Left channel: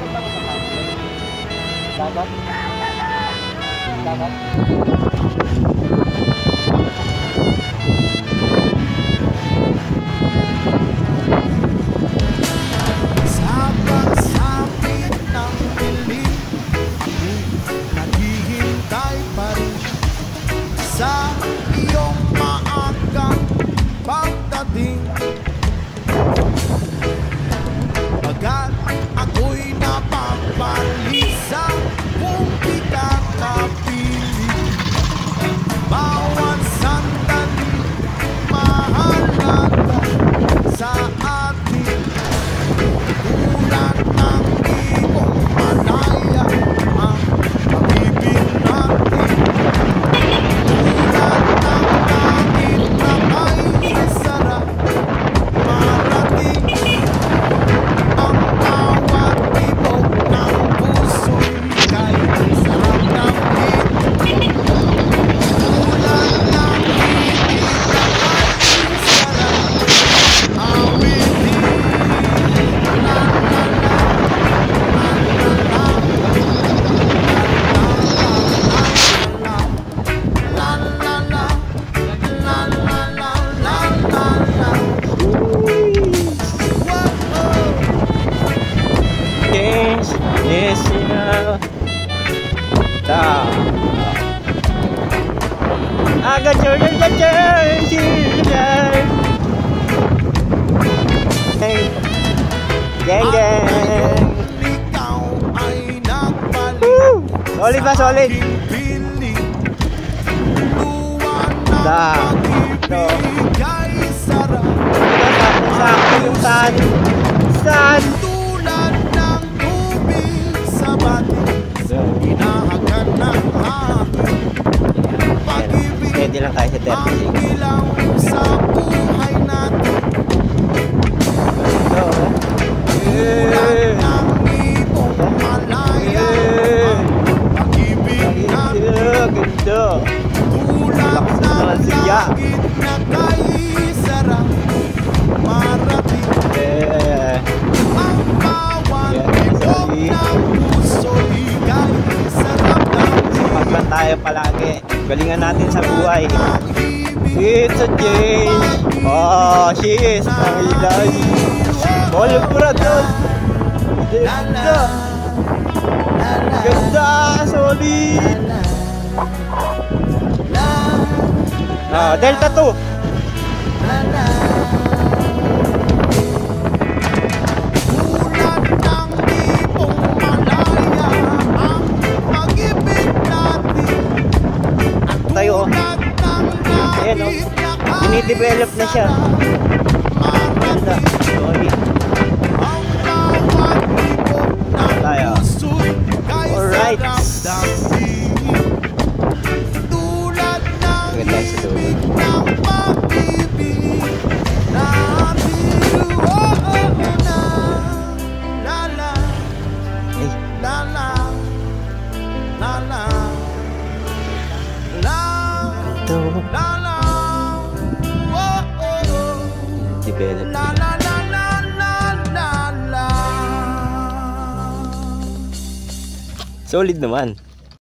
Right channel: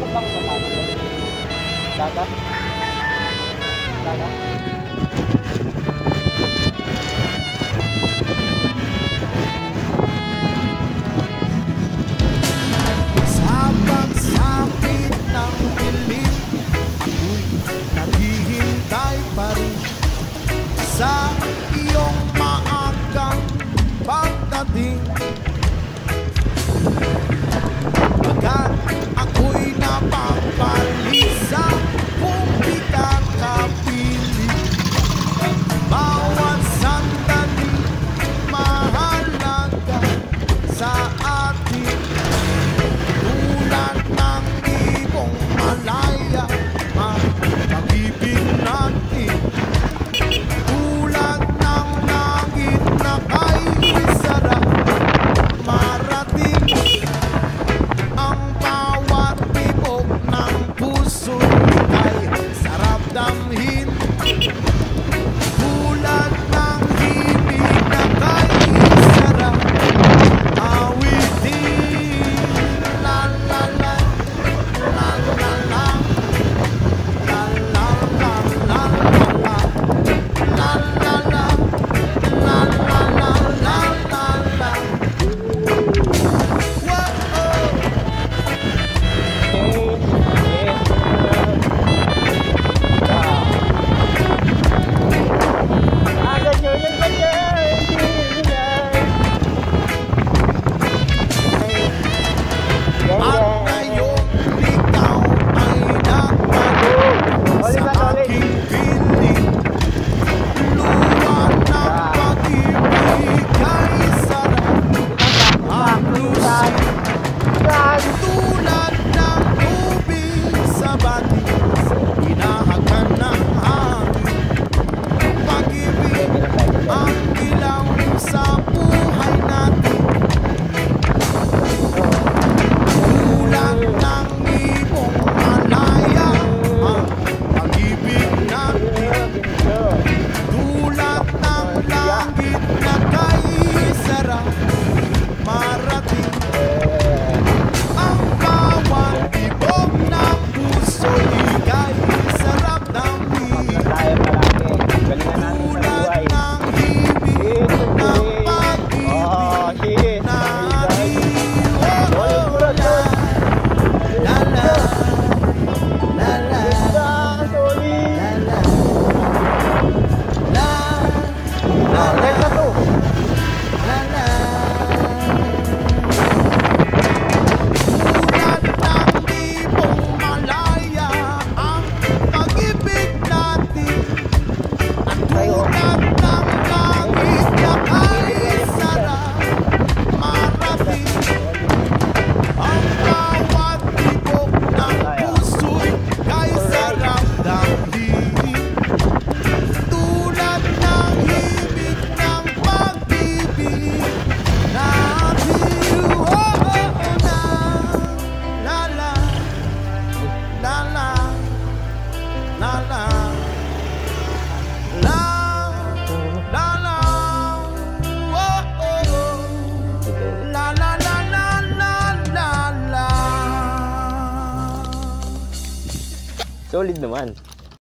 Ano bang sapatos? Dagat? Dagat? Sa pagsapit ng dilim, ako'y naghihintay pa rin sa iyong maagang pagdating. Bagat ako'y napapalisa kung di ka kapiling. Bawat sandali mahalaga sa atin. Tulad ng ibong malaya ang pag-ibig natin. Tulad ng langit na kay sarap marating. Ang bawat tibok ng puso'y kay sarap damhin. Tulad ng himig na kay sarap awitin. La la la, la la la, la la la, la la la, la la la, la la la, la la. Change is enough. I got your change in life. Gang, At gang. ngayon ikaw ay nagpalit Solid ba, sa solid? aking piling. Luwa ng pag-ibig ay sarap Saan? at tulad ng tubig sa batis, hinahagan ng hangin. Pag-ibig Pwede lang tayo sa ang ilaw sa buhay natin. Tulad ng ibong malaya ang pag-ibig natin. Tulad ng langit na kay sarap marating. Ang bawat tibok ng puso'y kay sarap damhin. Mas tayo palagi. Galingan natin sa buhay. Tulad ng himig It's a ng day. pag-ibig Oh, she's na my ating Walang purado. la la la la Ganda, solid. la la la la Delta 2. la la. Tulad ng ibong malaya ang pag-ibig natin. At Tayo. tulad ng langit na kay Dinidevelop na siya. sarap marating. Solid. Ang bawat tibok ng Tayo. puso'y kay Alright. sarap damhin. Tulad ng himig ng pag-ibig natin. Oh, oh, oh, na la la Eh, la la la la la ito. la la oh, oh, oh. Develop. La la la la la la la. Solid naman.